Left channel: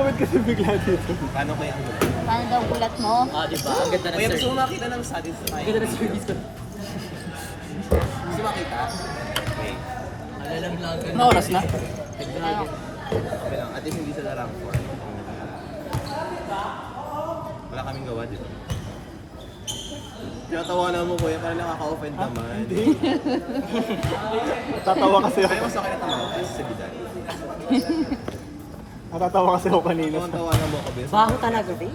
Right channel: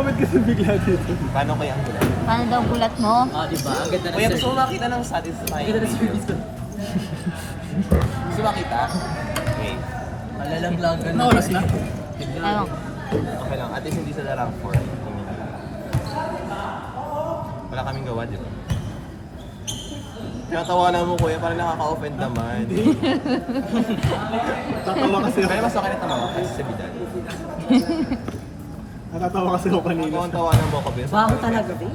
nag-comment kasi bigla dito. Paano kaya ang bulat? Ano daw bulat mo? Ah, diba? Ang ganda ng Kaya gusto service. mo makita ng satisfying. Ang ganda ng service ko. Gusto makita? Okay. Alalang vlog ka Ano oras na? Ano? Okay lang. At least hindi sila rank 4. Wala kaming gawa dito. Tinatawanan mo kuya, parang nakaka-offend naman. Natatawa kasi ako. Kaya mas okay na tama kasi sa bigat. Natatawa kasi ako kanina. Kung tawanan mo ako, Vince. Baho talaga, din.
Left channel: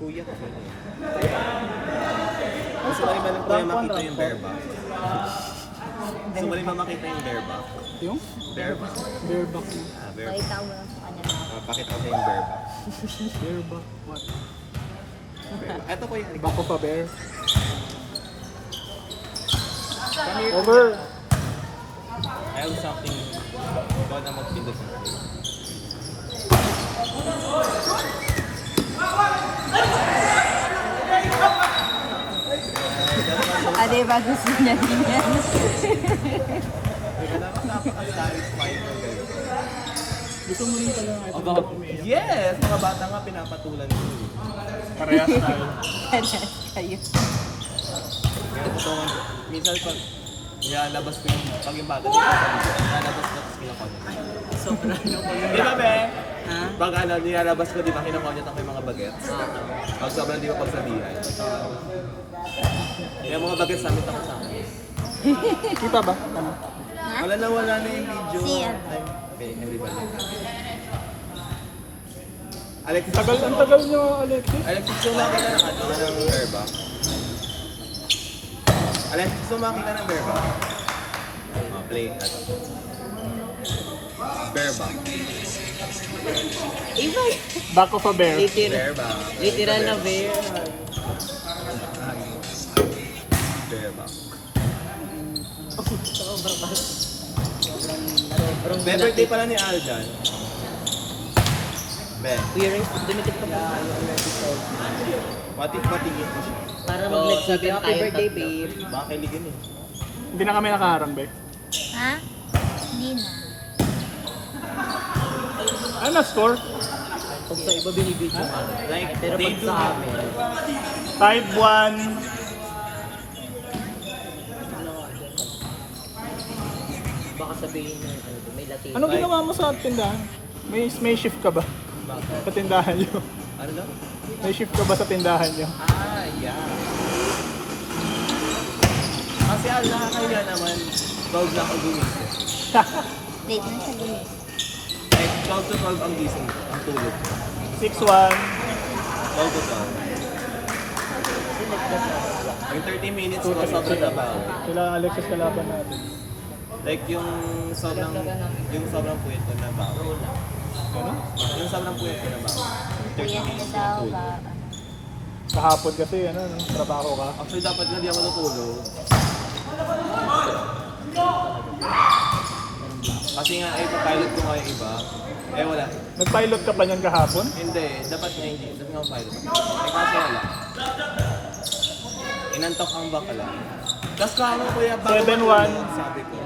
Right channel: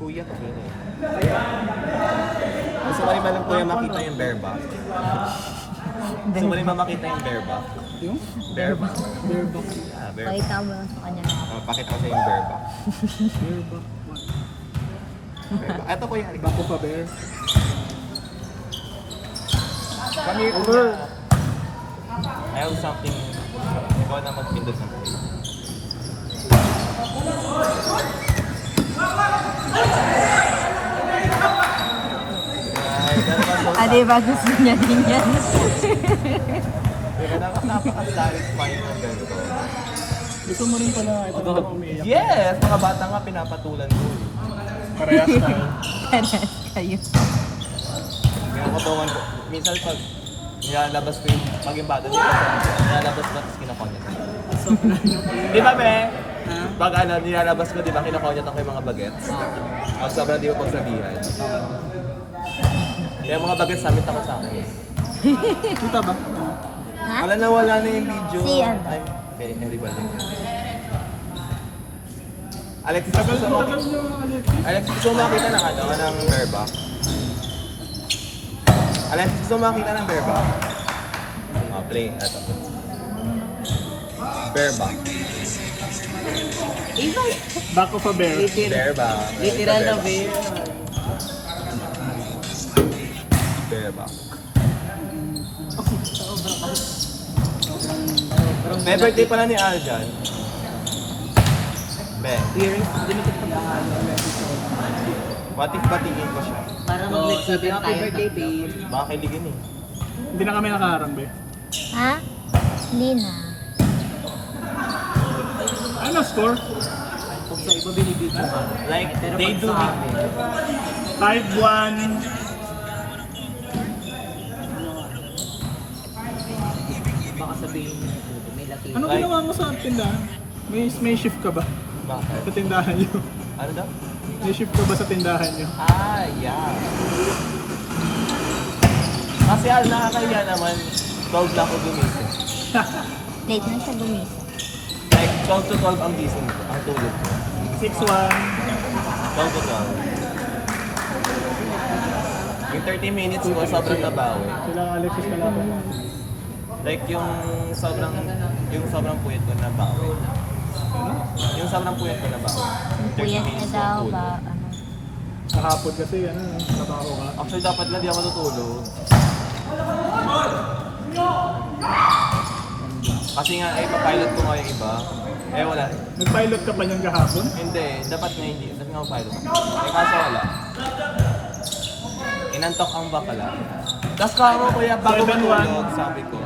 Kuya. Gusto mo rin ba kuya makita yung bear back? Gusto mo rin ba makita yung bear back? Yung? Bear back. Bear back. Bear back. Pakita mo sa kanya. Pakita ko yung bear back. Bear back. What? Ito po yung iba Ibang ko pa, be. Over. I have something. Ikaw na magpindot. Ah, di ba gusto niya din yan? Gusto mo rin pala ito. Yes! Mga bata nga pinapatulan ko. Parehas tayo. Kayo. Katawan ko. Minsan pag nilalabas ko yung bata, nilalabas ko tapos kinakonect. Sobra. Di ba, Ben? Ha? Pag nilalabas ko, di ba kinakonect ako yung mga bagets? Ang sobra di ko pagsabihan. Kaya mga bagets sabi pa sa akin. Kita ba? Wala na wala na yung video. Siyan. Ay, okay, everybody. Alexis, Tagal gusto ang mo? tagal nyo, Alexis. Alexis, gusto mo makita ng ano? Wala ng hair ba? Alexis, gusto mo makita ng hair ba? Oh, play. Bear ba? Back of a bear. Bear ba? Literal na bear. Bear ba? May birthday pala ni Arjan. Bear. Bear, dinitig pa ba? What if patingin ko siya? Para mag-nagsabi, happy birthday, babe. Baka kiligin eh. Hindi na kami nakaharang, be. Ha? Hindi na. Ano score? Kung sa iba binibidyo ka. Like, Pero they pag do sa have amin, 5-1. baka sabihin niyo, may Latino. Ano ginawa mo sa tindahan? May shift ka ba? Bakit? Sa tindahan nyo? Ano daw? May shift ka ba sa tindahan nyo? Ah, yeah. Kasi nakakaya naman, 12 ako gumising. Late na siya din eh. Like, 12 to 12 ang gising ko, ang tulog. 6-1. 12 to 12. Yung 30 minutes ko, sobrang trabaho. Sila Alexis kalaban natin. Like, yung sobrang puwet ko trabaho. Yung sobrang puwet ko trabaho. 30 Kuya ka minutes daw yung food. ba? Kahapon kasi, ano, trabaho ka. Actually, dapat nga di ako natulog. Kasi nga, pilot ko kayo iba. Eh, wala. Nag-pilot ka pa niyan kahapon? Hindi, dapat nga hindi. Dapat nga pilot. Eh, kaso wala. Inantok ang bakala. Tapos parang kuya, bago 7-1. matulog, sabi ko,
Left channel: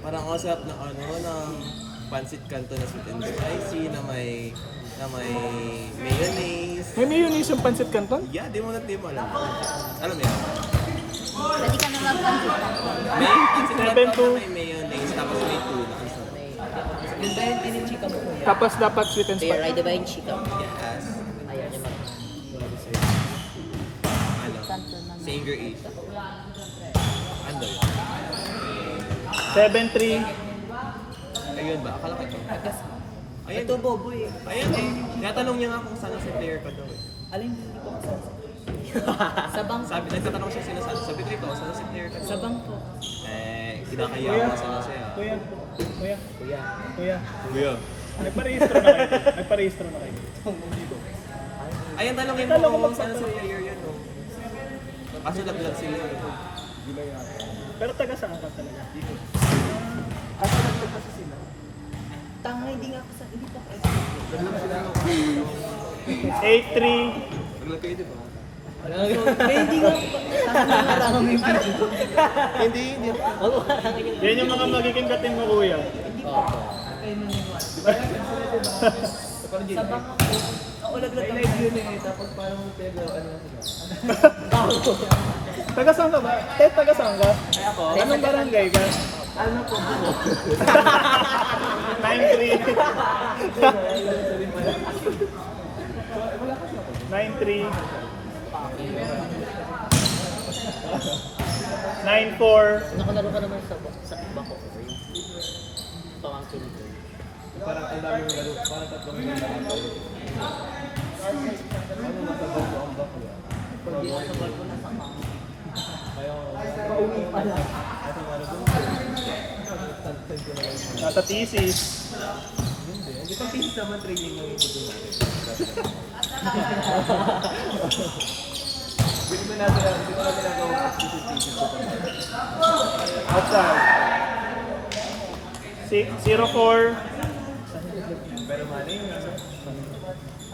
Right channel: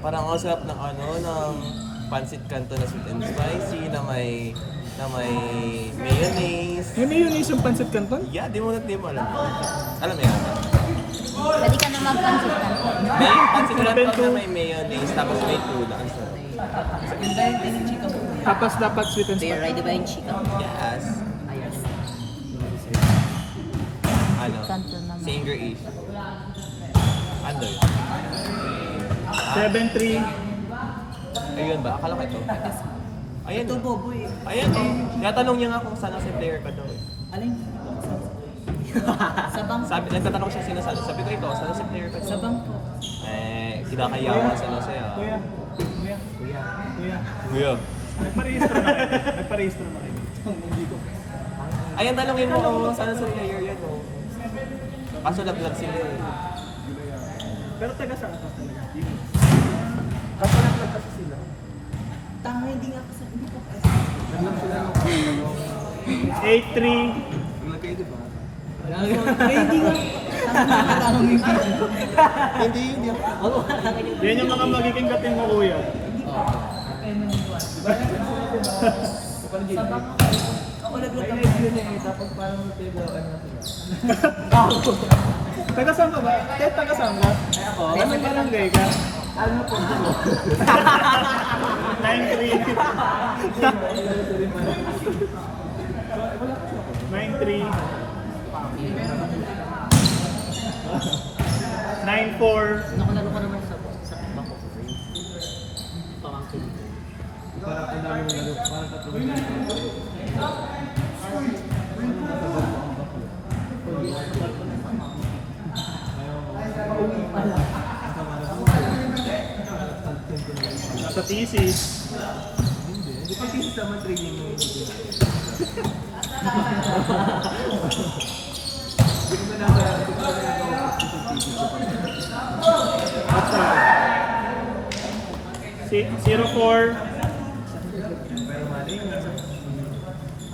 parang ang sarap ng ano, ng pancit canton na sweet and spicy, na may mayonnaise. May mayonnaise yung pancit canton? Yeah, di mo alam. Alam mo yan? Pwede ka naman pansin. May pancit canton 7-2. na may mayonnaise, tapos may tuna. Yung dahil din yung chika mo. Tapos dapat sweet and Bear, spicy. ay diba yung chika mo? Yes. Ayan naman. Ano? Sanger Asia. Ano? 7-3. Ayun ba? Akala ko ito. Ayan. Ito, Bobo eh. Ayan eh. Natanong niya nga kung saan ang player ka doon. Alin? Sa bangko. Sabi, nagtatanong siya sinasabi. Sabi ko ikaw, saan ang player ka Sa doon? bangko. Eh, kinakaya ko sa sa'yo. Kuya. Kuya. Kuya. Kuya. Kuya. Nagparehistro na kayo. Nagparehistro na kayo. Nandito. Ayan, tanongin mo kung saan sa player yun. No? Kaso lang sila. Pero taga saan ka talaga? Kaso lang kasi sila. Tanga, hindi nga ako sa... Hindi pa ako. 8-3. Hindi nga. Kailangan mo yung video. Hindi ako. Yan yung mga magiging kating mo, kuya. Sa bako. Ako naglat ang video na yun. Tapos parang mag-table ka na. Taga saan ka ba? Ted, taga saan ka? Ako? Anong barangay ka? Ano po? 93. 94. Nakalaro ka naman sa bako. Pamangkin. Parang ang dami yung laro. Parang tatlong Nasa thesis. Hindi pa thesis naman training mo. Hindi na nagagawa sa thesis. Acha. 04.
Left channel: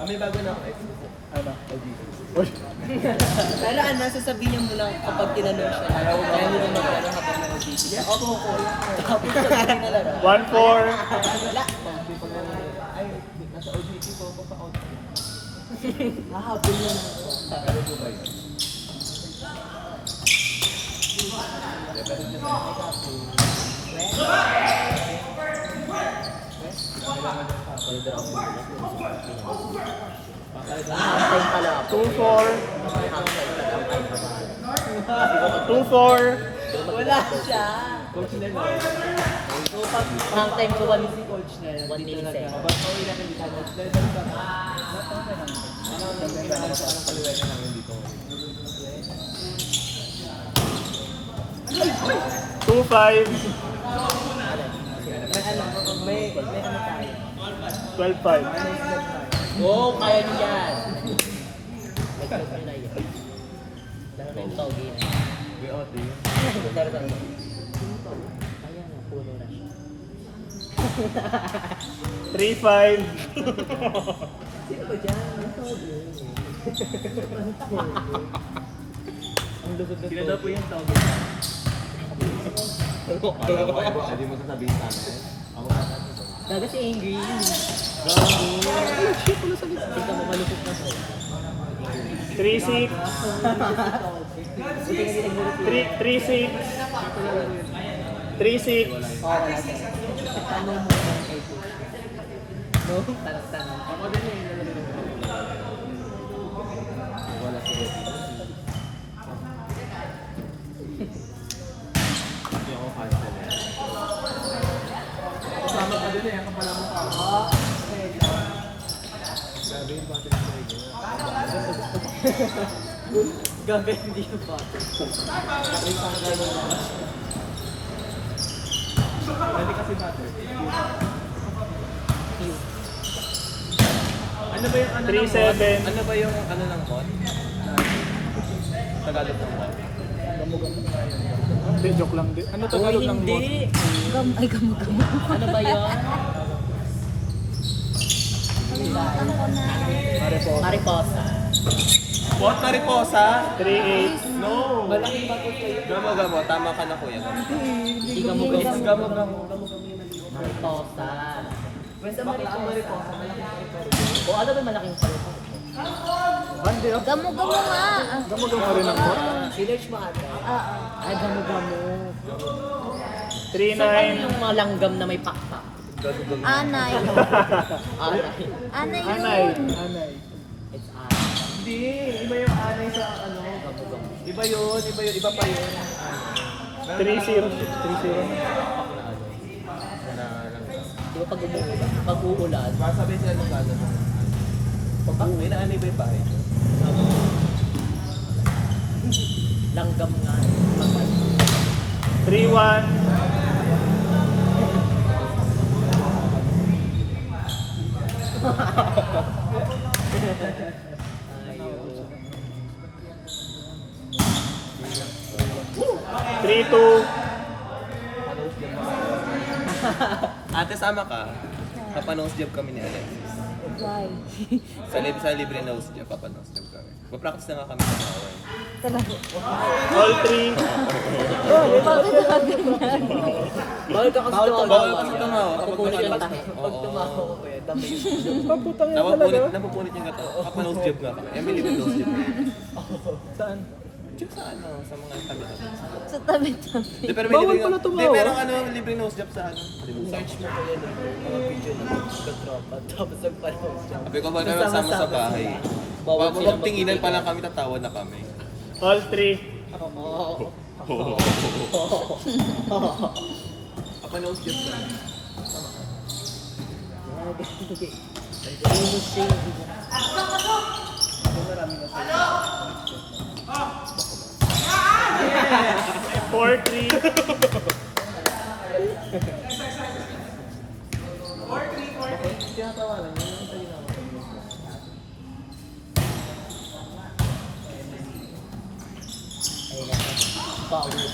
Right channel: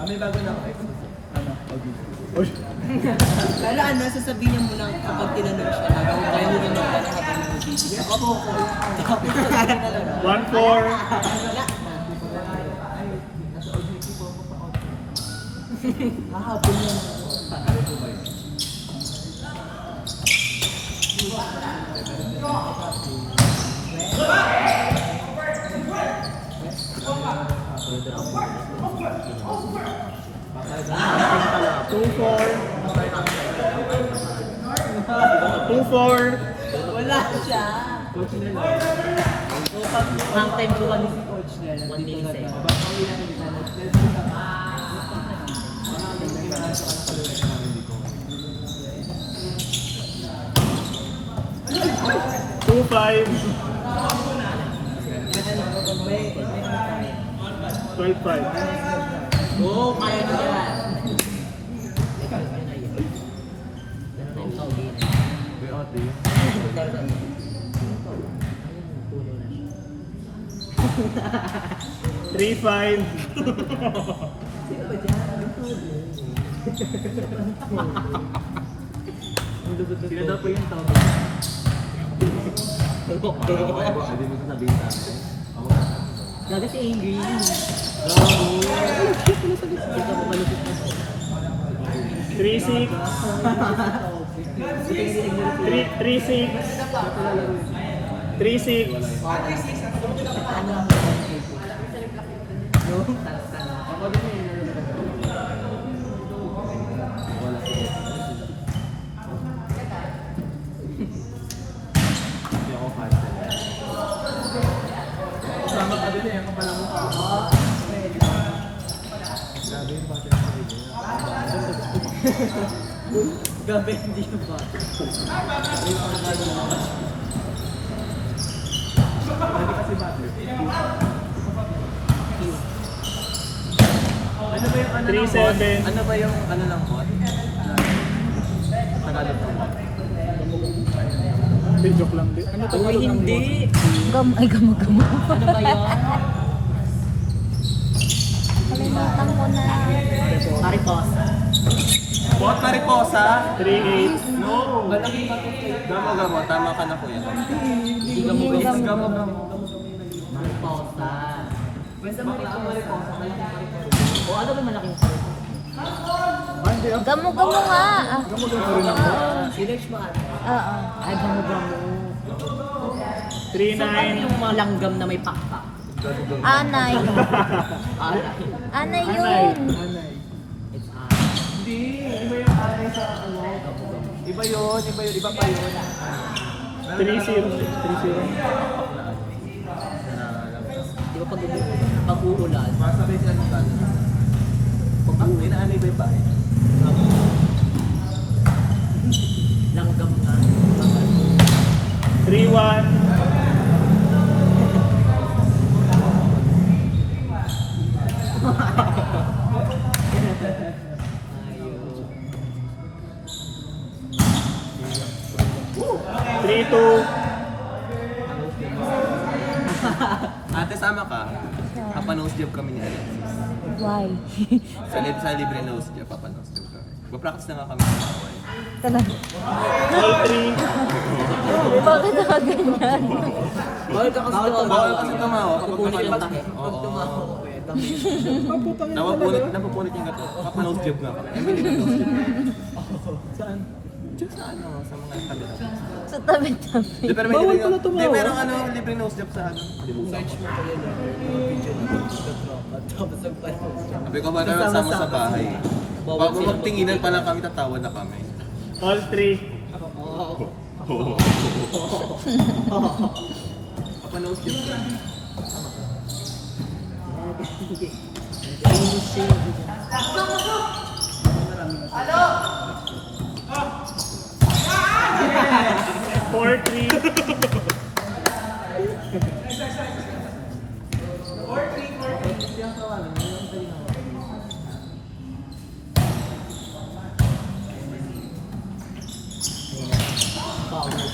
May bago na ako. Ano? Uy. Pero ano, sasabihin mo lang kapag tinanong siya. Kaya mo rin magkano kapag nag-video. Opo. Tapos sasabihin talaga. 14. Hahapon yun. Two four. Wala siya. Coach na lang. So, pag time ko kami si coach na yun. 1 millisecond. Two five. 12-5. Oo, kaya niya yan. Three five. Sila daw po yung tama. Sabi mo sasabihin sa akin. Ako na. Daga si Angry. Three six. Three six. 3-6. Wala ko. Hindi ako fan. Kasama ka din eh. Kapala mo ka. Sabi yung bata na video. Gabi, hindi ko pa. Ano ba yung 3-7. Ano ba yung ano lang po? Tagalog po. Hindi, joke lang din. Ano to? Uy, hindi. Gamay, gamo-gamo. Ano ba yun? Kalimutan ko na. Mariposa. What? Mariposa? 3-8. No! Malaking bato kayo. Gamo-gamo. Tama ka na kuya. Hindi ka mo ganyan. Gamo-gamo. Mariposa. Basta mariposa. O ano ba malaking fruit? Gamo-gamo nga. Sinerge mo ata. Ay, gamo-gamo. 3-9. Yung mga langgam na may pakpak. Anay. Alay. Anay Anay. yun. It's alay. Hindi. Iba yung alay sa ano. Iba yun. Iba pa yun. 3-0. 3-0. Di ba pag uulan? Masabay sila ng tagal. Pag uwi na ano iba yung bahay. Langgam nga. 3-1. Ate, sama ka. Papa-nose job kami ni Alexis. Why? Sa libre nose job, papa-nose job kami. Papractice na nga kami sa tawon. All three. Bawal ka kasi tumawa. Bawal kasi tumawa kapag Kukunin yung tumawa. tahe. Pag Oo. tumawa ko eh, dami. Pagputang yan talaga. Napupunit yung gato. Nose job na. Emily yung nose job. Saan? Job sa ano, sa mga kandidato. Sa tabi-tabi. Di, pero may Bawal libre, pala tumawa. di, merong ano, libre nose job sa ano. Search mo ko yun. Video na tropa. Tapos nagpa-post. Sabi ko ba naman sama sa bahay. Huwag tinginan pa lang kami, tatawa na kami. All three. Ako nose job. Four, three.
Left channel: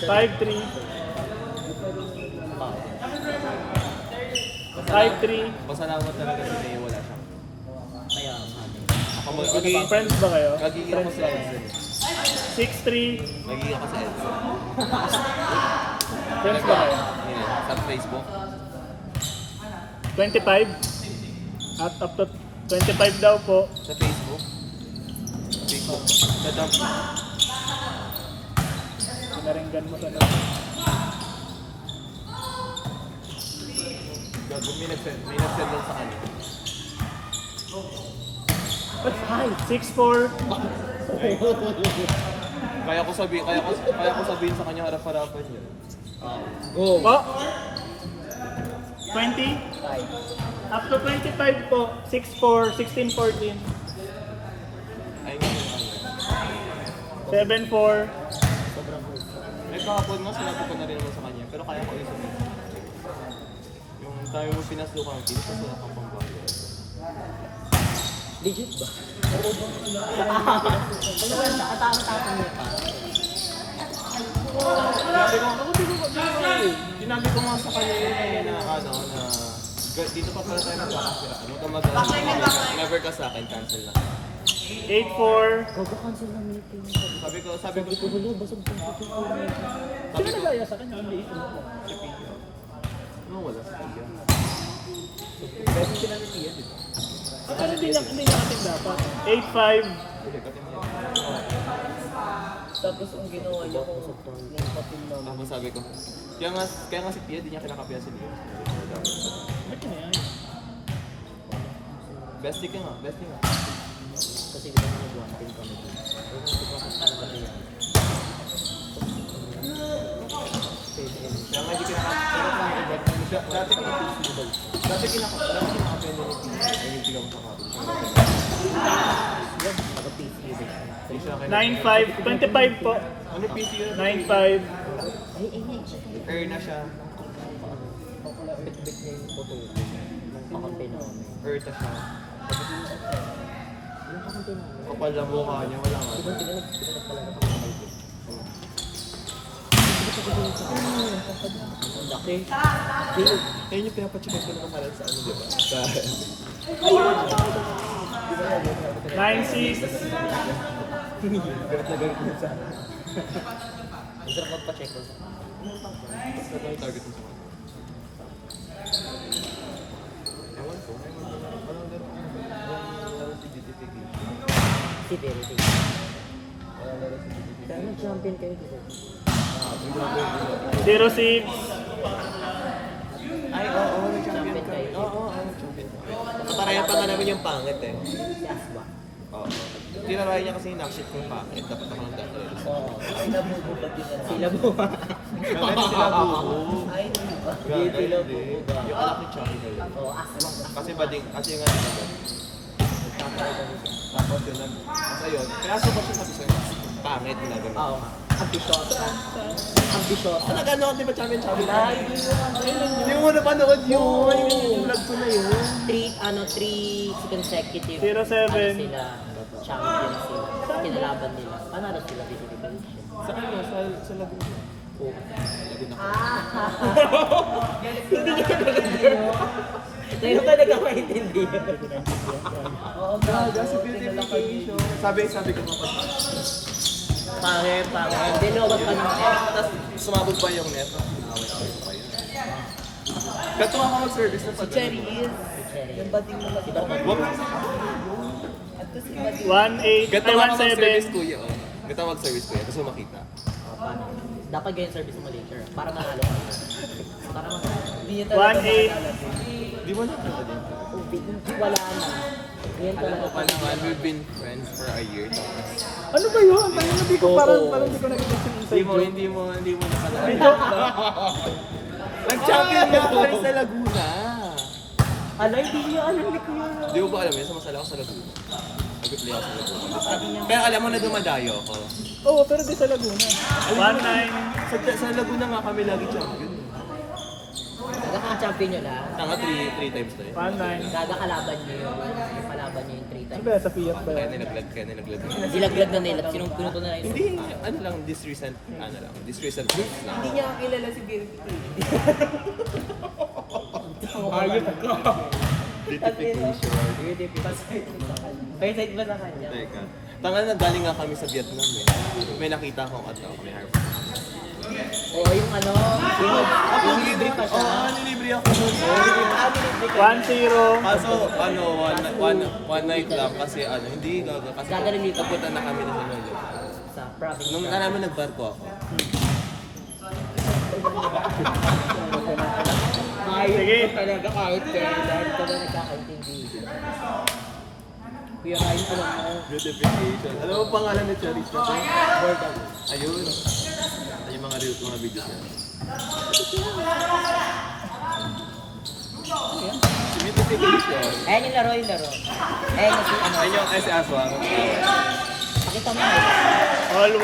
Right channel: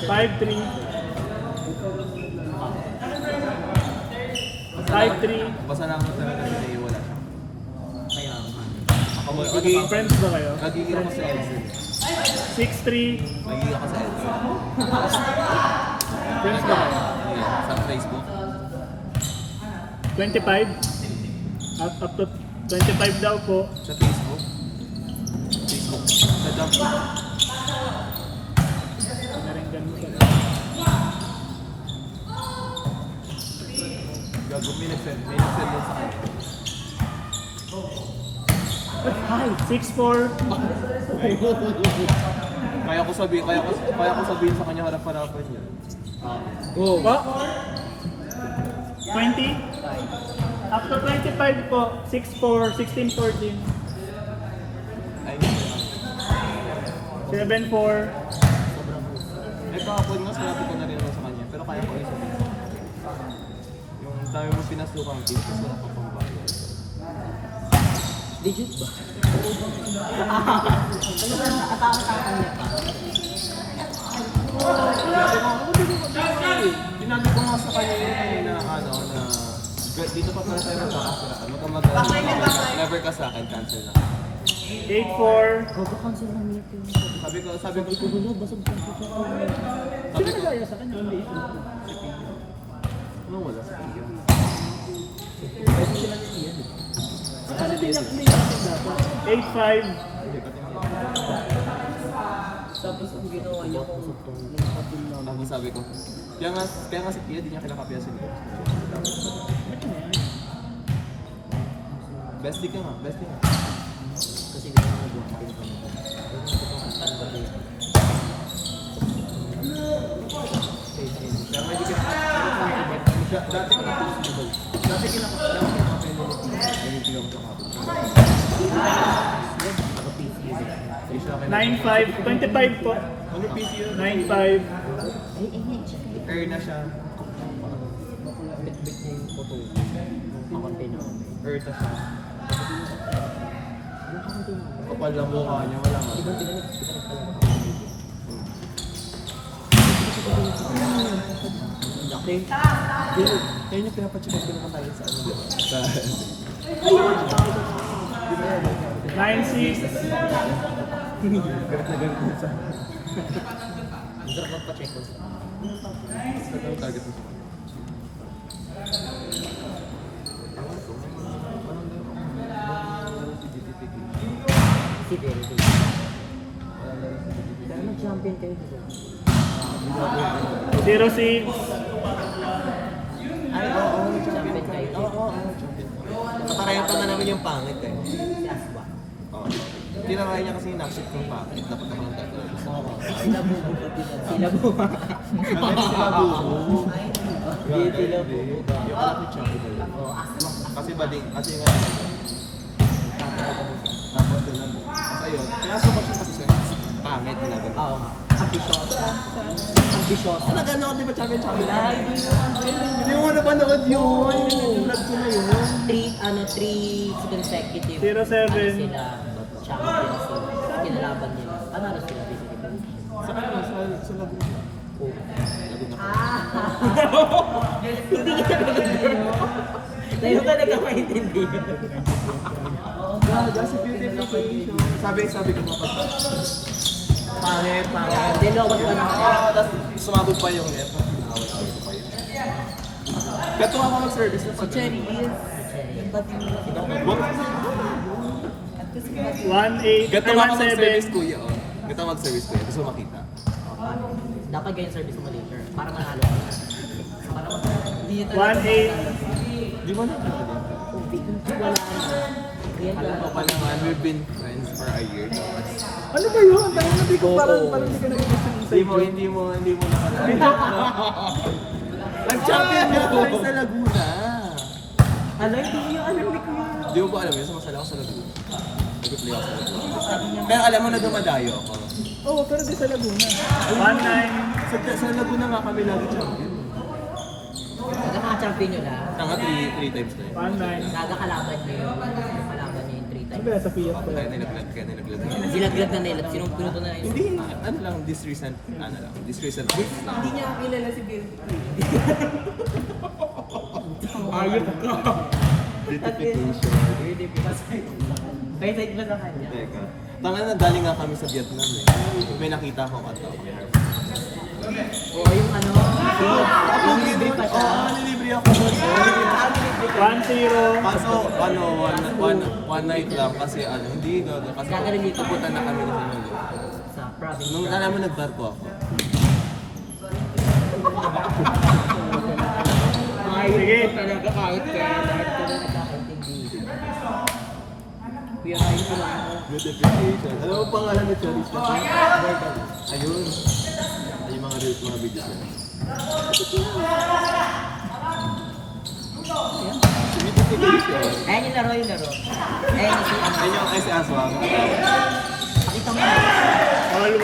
Five, three. 5-3. Pasalamat lang kasi wala siya. Kaya, Ako magiging Friends ba kayo? Magiging ako sa Edson. 6-3. Magiging ako sa Edson. Friends ba kayo? Ayun, sa Facebook. 25. At up to 25 daw po. Sa Facebook. Facebook. Sa Twitter. Pinaringgan mo sila. Gago, may nag-send lang sa akin. 6-4. Kaya ko sabihin sa kanya harap-harapan. Go. Po. 20. Up to 25 po. 6-4. 16-14. I mean, 7-4. ay kahapon nga sinabi ko na rin sa kanya, pero kaya ko isipin. Yung tayo mo pinasukan yung tips kasi nakapangbayan. legit ba? Sinabi ko nga sa kanya na ano, na dito pa pala tayo magkakasalasan. Huwag kang mag-alala. Never ka sa akin, cancel lang. 8-4. Cancel ng meeting. Sabi ko, Gulo, basag pa. sabi ko, Kaya sa kanya, hindi ito. ano wala? Ano din yung hindi natin dapat? 8-5. Tapos ang ginawa niya kung nakatin na. Tapos sabi ko, kaya nga si Tia, di niya kinakapiyasin. Bestie ka nga, bestie nga. Kasi ginawa niya kung kami. Kaya nga di dati kinakapiyasin. 9-5. 25 po. Ano PC yun? 9-5. Air na siya. Bit-bit na yung photo. Pakunti na kami. Air na siya. Yung pakunti na kami. Kapal na mukha niya, wala nga. Tigan na. Laki. Kaya niya pinapacheck ko naman sa ano, di ba? Sa... 9-6. Masarap magpa-check ko sa target mo sa kanya. si Verity. Kaya nag-champion kayo dito. 0-6. Ay, oo, nag-champion kayo dito. Nakarayan ka na namin yung pangit eh. Si Aswa. Oo. Tinarayan niya kasi nakship yung pangit. Dapat ako ng tatlo. Sila bubo ba dito? Sila bubo. Hindi sila bubo. Oo, Aswa. Kasi bading, kasi nga... Tapos yun lang. Kasi yun, pinasa ko siya kasi siya. Pangit na gano'n. Oo. Ambitious. Ambitious. Ano gano'n? Di ba champion? Hindi mo napanood yun. Vlog ko na yun. Three consecutive. 07. Ano sila? Champion sila. Kinalaban nila. Panalo sila basically. Sa ano? Sa Laguna. Oo. Laguna. Hindi kita nag Tayo ka nagkakaintindi. Gaga si beautification. Sabi ko mga pangit. Dalawa pa naman. Tapos sumabog pa yung net. Gato ako mag-service na Si Cherry is, yung bating mo lang kita. At kasi yung bating 1.8, Gato ako mag-service kuya. Gato ako mag-service kuya. Gusto mo makita. dapat ganyan service mo later. Para manalo ka. Para hindi niya 1.8. Di mo na wala ka na. Ganyan alam ko talaga. pa naman, we've been friends for a year. Ano ba yun? Parang hindi ko pa Oo. Hindi mo na Nag-champion nga ako sa Laguna. Ano, hindi niya alam ni Kuya. Di mo ba alam yun? Sumasala ako sa Laguna. Nag-play ako sa Laguna. Kaya alam mo na dumadayo ako. Oo, pero di sa Laguna. 1.9. Sa Laguna nga kami lagi champion. Ano mga champion nyo na? Tanga 3 times na rin. 1.9. Kada kalaban niyo yung kalaban niyo yung 3 Ano times. ba yan sa Fiat ba? Kaya nilaglag. Dilaglag na nila. Sinong pinuto na yun? Hindi, ano lang, this recent week lang. Hindi niya kilala si Bill. Ayop ka. Beautification. Kaya side ba sa kanya? Teka. Tanga na, galing nga kami sa Vietnam eh. May nakita akong katawa. Oo, yung ano, yung libre pa siya. Libre ako doon. 1.0. Kaso, one night lang kasi hindi gaga. Kasi Gagaling dito. kapitan na kami ng ano yun. Sa province. Nung naman nagbarko ako. Sige. Talaga kahit nagkakaintindi. Kuya, kain ko lang. Beautification. Alam mo pangalan ni Cherry? Ayun. Yung mga videos niya. Beautification. Ayan yung laro. Ayan yung si ano. Ayun yung kasi aswa. Pakita mo. All 1.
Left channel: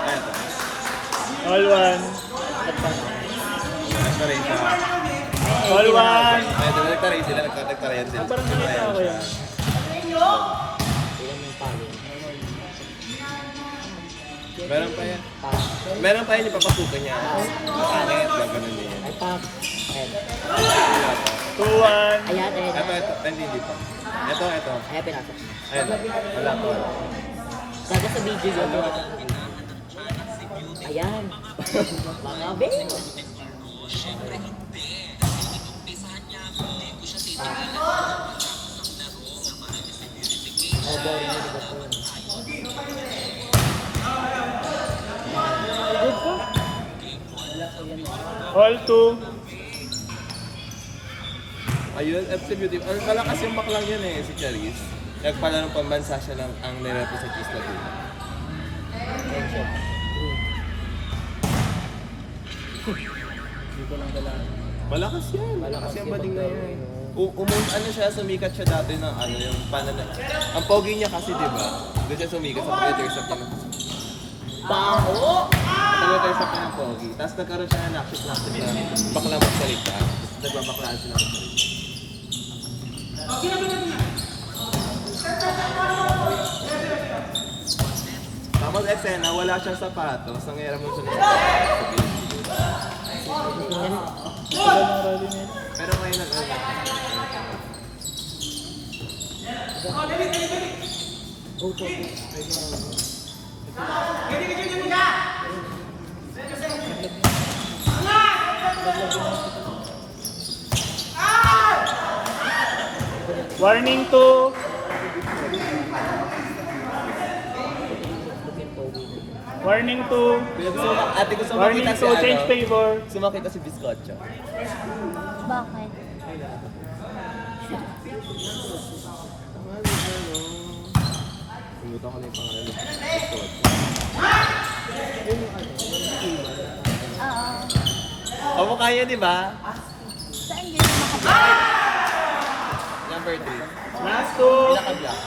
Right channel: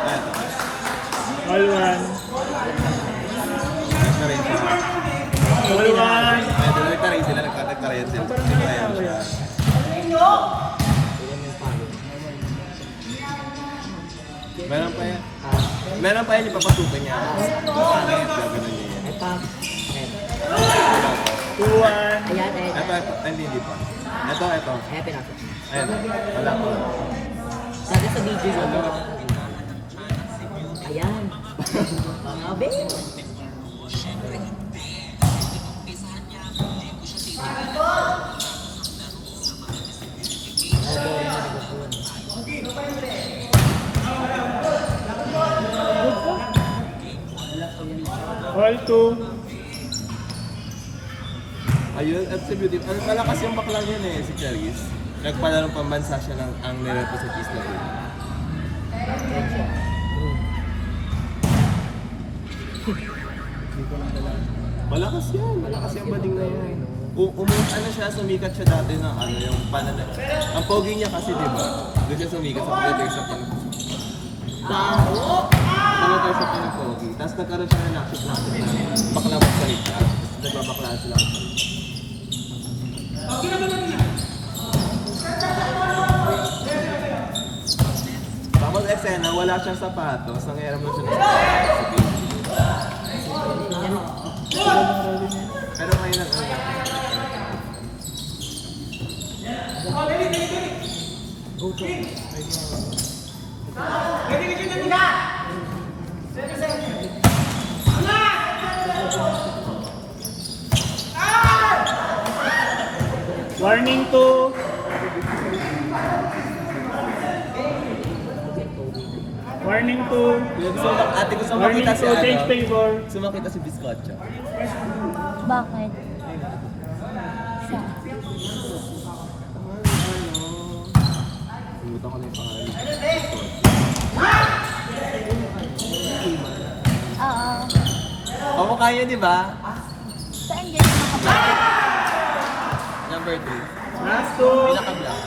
Eto. All 1. Ito rin siya. All 1. Ito, nagtaray sila. Nagtarayan sila. Nagtarayan siya. Meron pa yan ipapasukan niya. Pangit, gagawin niya. Ay, pag. Ayan. 2.1. Ayan. Ito, hindi pa. Ito. Ayan, pinasok. Ayun, wala pa. Kada sa video yun. Ayan. Mga be. All 2. Ayun, absolutely. Ano pala kasi yung baklang yun eh, si Clarice. Nagpanalo pambansa siya ng ang nireto sa cheese na din. Malakas yan. Malakas yung bading na yan. Ano siya, sumikat siya dati ng ano, yung panana. Ang pogi niya kasi, di ba? Doon siya sumikat sa computers sa panana. Computers sa panana pogi. Tapos nagkaroon siya ng nakit na bakla magsalita. Nagbabaklaan sila. Tapos eksena, wala siyang sapatos. Nangyayari mo siya ng sapatos. Pero ngayon ang una. Warning 2. Warning 2. Ate gusto Warning makita si 2. Change favor. Gusto makita si Biscotcha. Bakit? Pumunta ko na yung pangalan. Oo. Kamukha yun, di ba? Saan yun? Number 3. Last 2. Pinaka-black.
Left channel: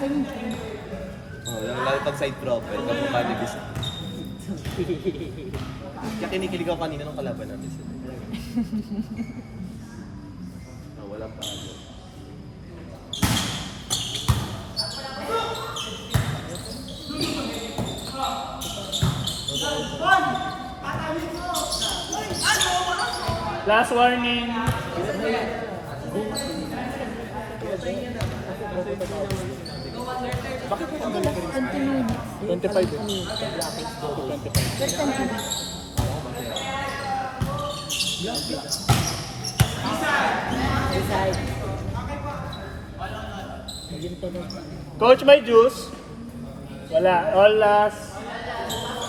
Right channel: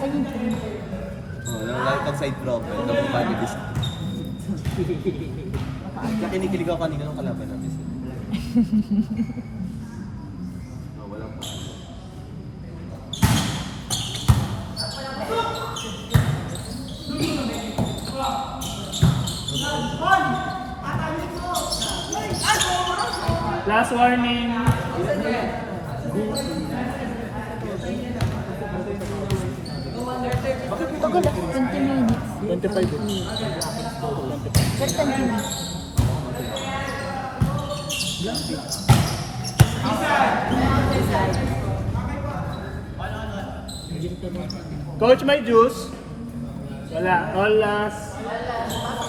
Saan yun? Oh, yung lalo pag side profile, kamukha ni Biscotcha. Kaya kinikilig ako kanina ng kalaban namin. Wala pa. Last warning. Coach, may juice? Wala. All last.